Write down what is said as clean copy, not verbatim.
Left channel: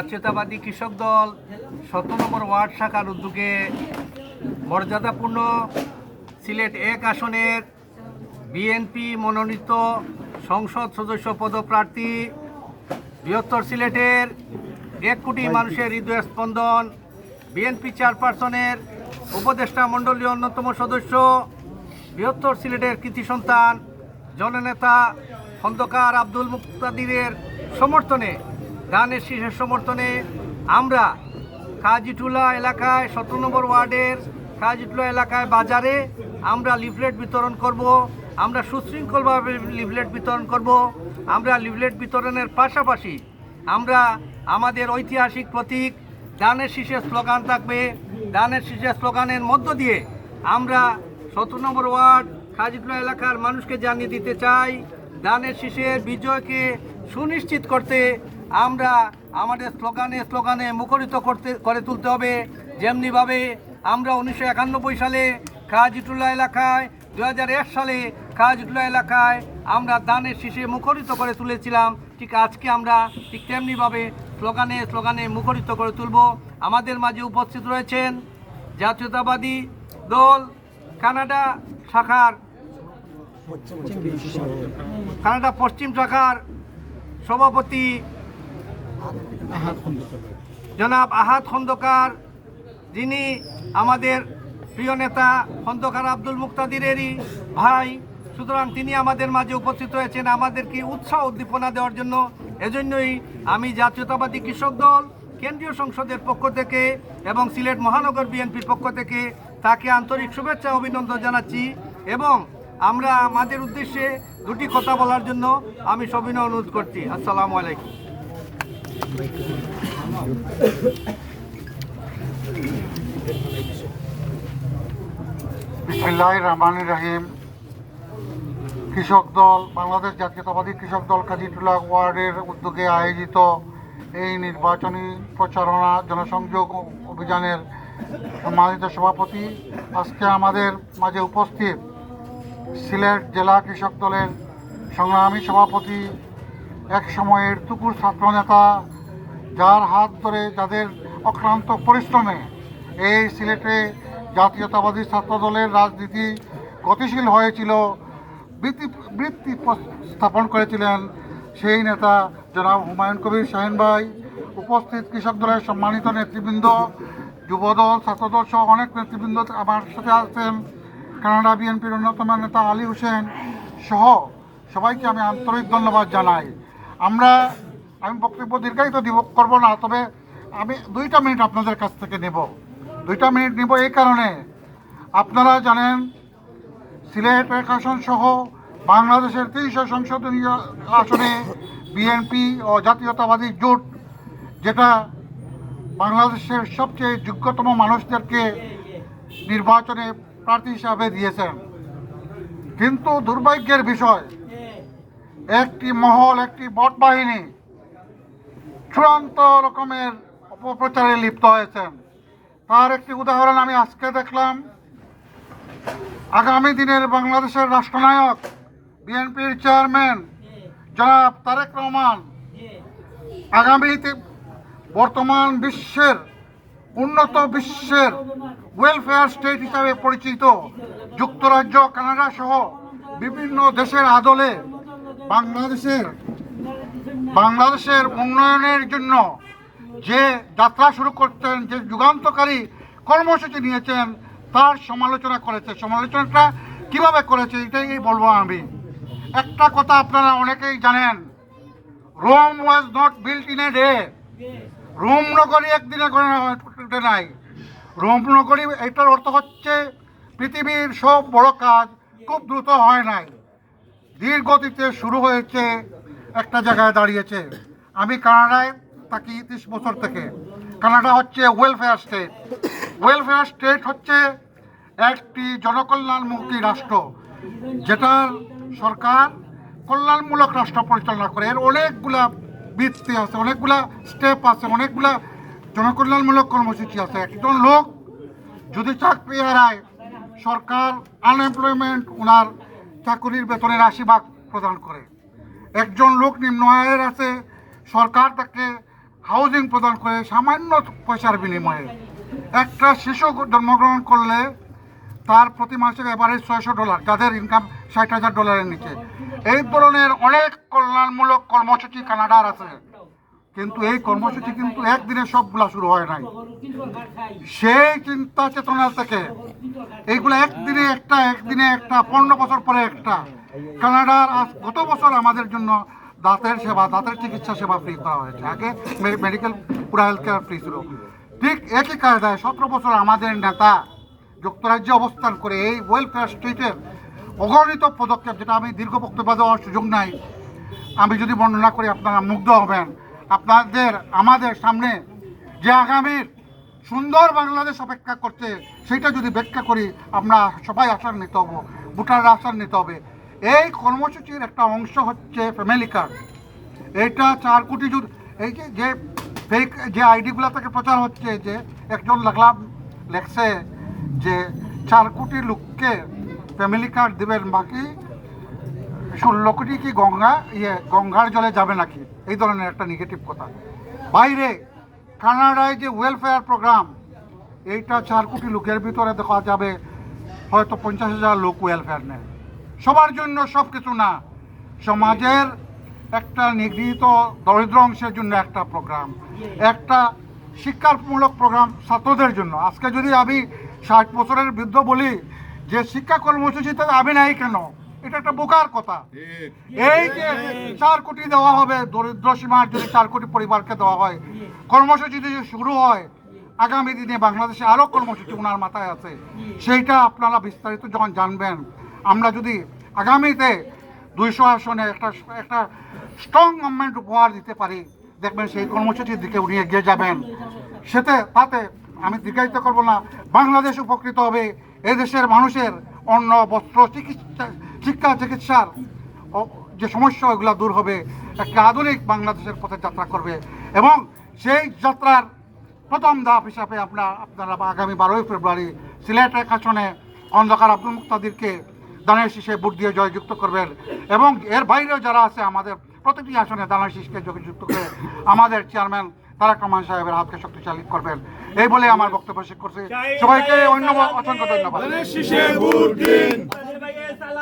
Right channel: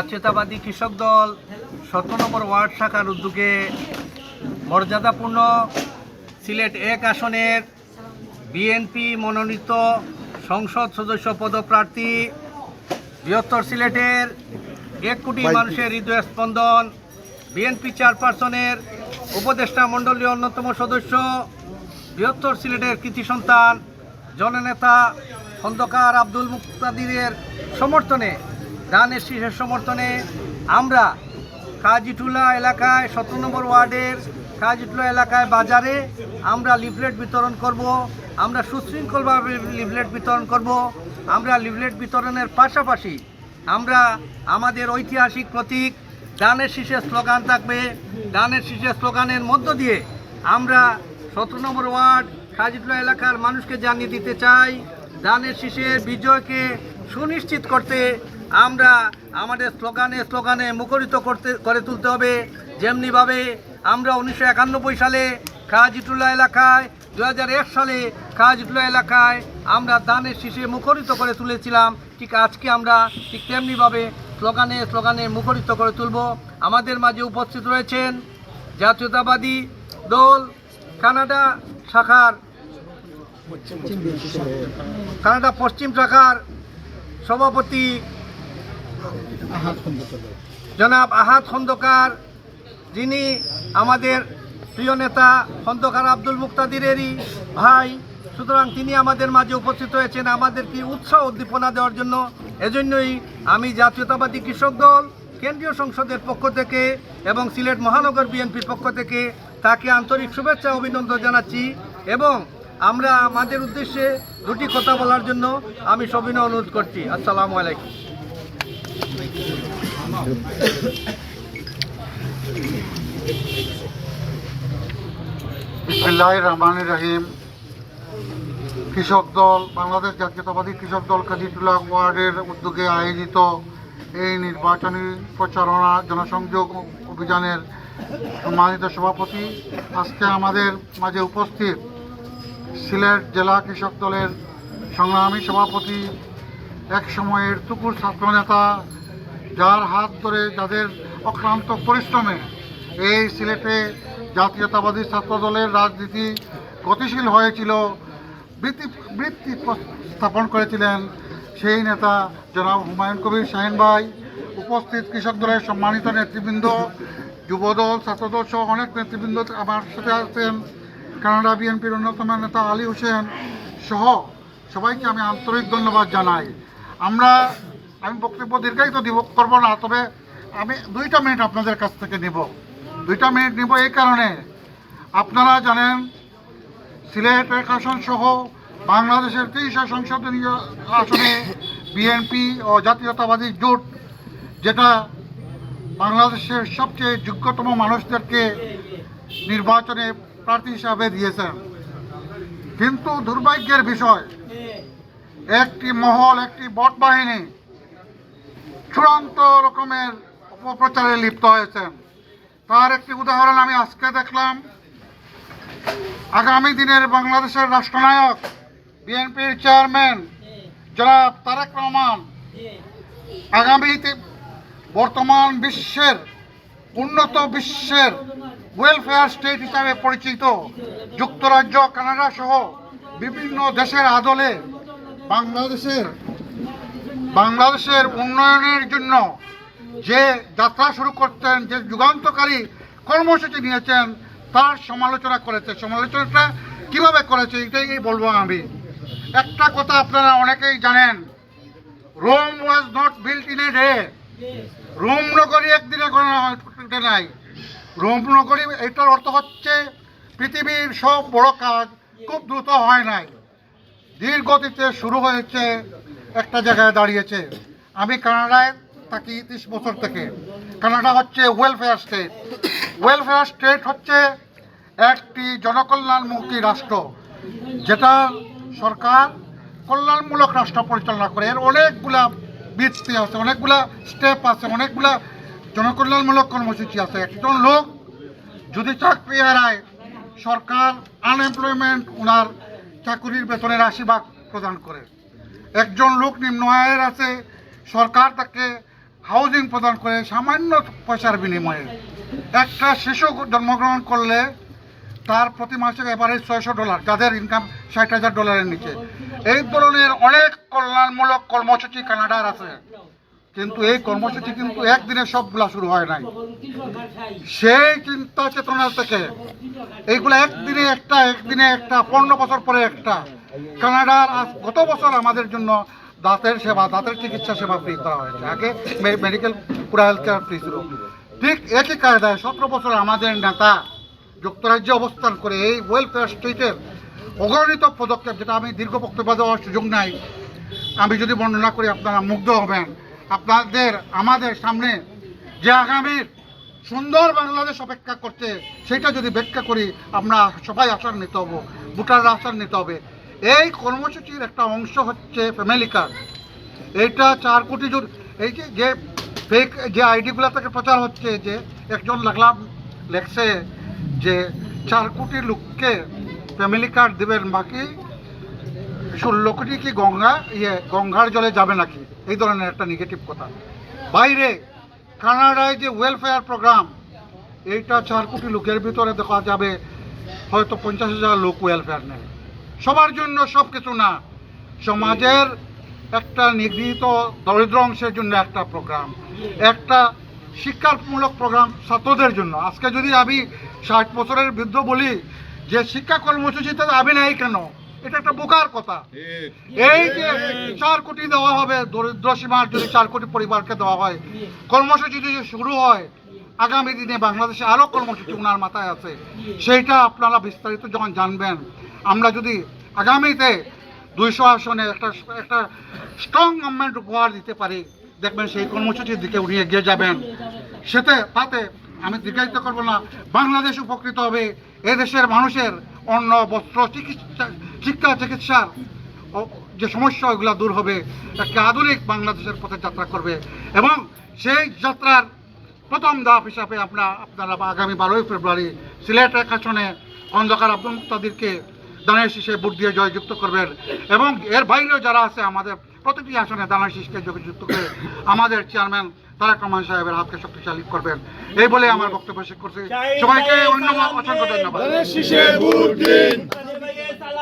জাতীয়তাবাদী কৃষক দল ১৭ নম্বর ওয়ার্ড শাখার উদ্যোগে মর্যাদাপূর্ণ সিলেট ১ আসনের বিএনপি মনোনীত সংসদ সদস্য পদপ্রার্থী বৃহত্তর সিলেটের ১ কোটি মানুষের হৃদয় স্পন্দন বিএনপি চেয়ারপারসনের উপদেষ্টা মণ্ডলীর অন্যতম সদস্য বৃহত্তর সিলেটের কৃতি সন্তান জননেতা খন্দকার আব্দুল মুক্তাদিরের সমর্থনে দানের শীষের সমর্থনে আমরা কাজীটুলা এলাকায় ১৭ নম্বর ওয়ার্ডের কাজীটুলা এলাকায় বাজারে আমরা লিফলেট বিতরণ করব। আমরা সুশৃঙ্খলভাবে লিফলেট বিতরণ করব। আমরা লিফলেট বিতরণের পাশাপাশি আমরা আমাদের ঐতিহাসিক প্রতীক দানের শীষের স্লোগান থাকবে। দানের শীষের স্লোগানের মধ্য দিয়ে আমরা ১৭ নম্বর ওয়ার্ড কাজীটুলা এলাকার মানুষকে জানিয়ে দিতে চাই, দানের শীষের বিজয়কে সুনিশ্চিত করতে আমরা আমাদের স্লোগানে মুখরিত করে তুলতে হবে। যেমনিভাবে আমরা ১৯৯১ সালে কাজীটুলা এলাকায়, ২০০১ সালে কাজীটুলা এলাকায় আমরা দানের শীষে মুখরিত করে তুলেছিলাম, ঠিক আজকে আমরা ঠিক তেমনিভাবে স্লোগানে মুখরিত করে তুলব। আমাদের মাঝে উপস্থিত রয়েছেন জাতীয়তাবাদী দল কানাডা পশ্চিম শাখার সভাপতি জনাব আহাদ খন্দকার, যিনি আমাদের প্রিয় নেতা খন্দকার আব্দুল মুক্তাদিরেরই ভাই। সুতরাং তিনি আমাদের মাঝে উপস্থিত হয়েছেন আমাদেরকে উৎসাহ উদ্দীপনা দেওয়ার জন্য। এজন্যই আমি জাতীয়তাবাদী কৃষক দল কেন্দ্রীয় সংসদের পক্ষ থেকে এবং সিলেট মহানগর বিএনপির পক্ষ থেকে তাকে আন্তরিক শুভেচ্ছা অভিনন্দন জানাচ্ছি এবং আমরা আমাদের উদ্দেশ্যে দুটি কথা বলার জন্য আমি সবিনয় অনুরোধ করছি। আসসালামু আলাইকুম। বিসমিল্লাহির রহমানির রহিম। কৃষক দল, বাংলাদেশ জাতীয়তাবাদী কৃষক দল কাজীটুলা ওয়ার্ডের উদ্যোগে আয়োজিত এই নির্বাচনী প্রচারণা জনসংযোগ অভিযানের সম্মানিত সভাপতি, আজকে আমাদের মাঝে উপস্থিত সিলেট জেলা কৃষক দলের সংগ্রামী সভাপতি, এক সময়ের তুকুর ছাত্রনেতা, যার হাত ধরে যাদের অক্লান্ত পরিশ্রমে এই সিলেটে জাতীয়তাবাদী ছাত্র দলের রাজনীতি গতিশীল হয়েছিল, বৃত্তি স্থাপন করেছিলেন সেই নেতা জনাব হুমায়ুন কবির শাহীন ভাই, উপস্থিত কৃষক দলের সম্মানিত নেতৃবৃন্দ, যুবদল, ছাত্রদল সহ অনেক নেতৃবৃন্দ আমার সাথে আছেন, কানাডা বিএনপির অন্যতম নেতা আলী হোসেন সহ সবাইকে আমি আন্তরিক ধন্যবাদ জানাই। আমি বক্তব্য দীর্ঘায়িত করব না, তবে আমি 2টা মিনিট আপনাদের কাছ থেকে নেব। 2টা মিনিট নেব এই কারণে, আপনারা জানেন সিলেট 1 আসন সহ বাংলাদেশের 23 সংসদীয় আসনে বিএনপি ও জাতীয়তাবাদী জোট, যেটা বাংলাদেশের সবচেয়ে যোগ্যতম মানুষদেরকে নির্বাচনে প্রার্থী হিসাবে দিয়েছেন। কিন্তু দুর্ভাগ্যের বিষয়, একটি মহল, একটি বট বাহিনী চূড়ান্ত রকমের অপপ্রচারে লিপ্ত হয়েছেন। তার একটি উদাহরণ আমি আজকে দেখলাম। আগামী দিনের বাংলাদেশের রাষ্ট্রনায়ক বিএনপির চেয়ারম্যান জনাব তারেক রহমান আগামীতে বর্তমান উন্নত বিশ্বের ওয়েলফেয়ার স্টেট হিসাবে পরিচিত যুক্তরাজ্য, কানাডা সহ বিভিন্ন দেশের আদলে বাংলাদেশের উন্নয়নের জন্য যে যাত্রা শুরু করতেন, যে যুগান্তকারী কর্মসূচি নিয়েছেন, তার সমালোচনা করেছে। সমালোচনাটা কিভাবে করেছে এটাই বলবো আমি। একটা কথা আপনারা অনেকেই জানেন, Rome was not built in a day. Rome নগরী একদিনে গড়ে নাই। রোম নগরী, এটার অর্থ হচ্ছে পৃথিবীর সব বড় কাজ খুব দ্রুত হয় নাই, ধীর গতিতে শুরু হয়েছে, একটা জায়গায় দাঁড়িয়েছে। আমি কানাডায় থাকি 30 বছর থেকে। কানাডা হচ্ছে ওয়েলফেয়ার স্টেট। ওয়েলফেয়ার স্টেট হচ্ছে একটি জনকল্যাণমুখী রাষ্ট্র, যেটা সরকার কল্যাণমূলক রাষ্ট্র পরিচালনা করে। এর অনেকগুলা ভিত্তি আছে, অনেকগুলা স্টেপ আছে, অনেকগুলা জনকল্যাণমূলক কর্মসূচি আছে। একজন লোক যদি চাকরি হারায়, সরকার আনএমপ্লয়মেন্ট ওনার চাকরির বেতনের 80% প্রদান করে। একজন লোক নিম্ন আয়ের আছে, সরকার তাকে হাউজিং প্রদান করে সামান্য পয়সার বিনিময়ে। একটা শিশু জন্মগ্রহণ করলে তার প্রতি মাসে এভারেজ $600, যাদের ইনকাম $60,000 নিচে। এই ধরনের অনেক কল্যাণমূলক কর্মসূচি কানাডার আছে, কিন্তু এই কর্মসূচি কিন্তু একদিনে সবগুলা শুরু হয় নাই। সেই চিন্তা চেতনা থেকে এইগুলো একদিনে একটা 15 বছর পরে একটা। কানাডার গত বছর আমাদের জন্য দাঁতের চিকিৎসা সেবা ফ্রি করা হয়েছে। আগে মেডিকেল পুরো হেলথ কেয়ার ফ্রি ছিল। ঠিক একই কায়দায় 17 বছর আমাদের নেতা যুক্তরাজ্যে অবস্থান করে এই ওয়েলফেয়ার স্টেটের অগণিত পদক্ষেপ, যেটা আমি দীর্ঘ বক্তব্য দেওয়ার সুযোগ নাই, আমি যদি বর্ণনা করি আপনারা মুগ্ধ হবেন। আমাদের সামনে যে আগামীর সুন্দর বাংলাদেশ অপেক্ষা করছে, সেটা যদি ব্যাখ্যা করি, আমরা সবাই আশার নিতে হবো, ভোটাররা আশার নিতে হবে। এই কর্মসূচির একটা অংশ হচ্ছে ফ্যামিলি কার্ড। এইটা 4 কোটি এই যে ফেক যে আইডিগুলো থেকে প্রচার হচ্ছে, যে একজন লেখছে যে 4 কোটি লোককে ফ্যামিলি কার্ড দেবেন, বাকি 16 কোটি কি গঙ্গার জলে যাবে নাকি, এই ধরনের একটা নেগেটিভ কথা। বাইরে কানাডায় যে ওয়েলফেয়ার প্রোগ্রাম, এইটা 4 কোটি লোকের ভিতরে দেখা যাবে হয়তো 50,000 লোক ওয়েলফেয়ার নেয়। সবার জন্য সব কিছু না, সমাজের একটা নিগৃহীত দরিদ্র অংশের জন্য একটা প্রোগ্রাম, একটা শিক্ষামূলক প্রোগ্রাম ছাত্রদের জন্য। আজকে যদি আমি 60 বছরের বৃদ্ধ বলি যে শিক্ষা কর্মসূচিতে আমি নাই কেন, এটা একটা বোকার কথা। এই যে 4 কোটি দেওয়া হবে, দরিদ্র সীমার যদি 4 কোটি পরিবারকে দেওয়া হয়, কর্মসূচি যদি শুরু হয়, আগামী দিনে বাংলাদেশে আরও কর্মসূচি ওনার মাথায় আছে, সেইটা আপনারা বিস্তারিত যখন জানবেন। আমরা যদি আগামীতে 200 আসনে একটা স্ট্রং গভর্নমেন্ট উপহার দিতে পারি, দেখবেন সেই কর্মসূচির দিকে উনি এগিয়ে যাবেন। তাতে আমি দীর্ঘায়িত করবো না, বাংলাদেশ উপকৃত হবে। এদেশের মানুষের অন্ন, বস্ত্র, শিক্ষা, চিকিৎসার যে সমস্যা, ওইগুলো দূর হবে। একটা আধুনিক বাংলাদেশের পথে যাত্রা করবে, এবং সেই যাত্রার প্রথম ধাপ হিসাবে আপনারা আগামী 12ই ফেব্রুয়ারি সিলেট এক আসনে খন্দকার আব্দুল মুক্তাদিরকে দানের শীষে ভোট দিয়ে জয়যুক্ত করবেন, এবং এর বাইরেও যারা আছে আমাদের প্রতিটি আসনে দানের শীষকে জয়যুক্ত করে আমাদের চেয়ারম্যান তারেক রহমান সাহেবের হাতকে শক্তিশালী করবেন। এই বলে আমার বক্তব্য শেষ করছি। সবাইকে অসংখ্য ধন্যবাদ।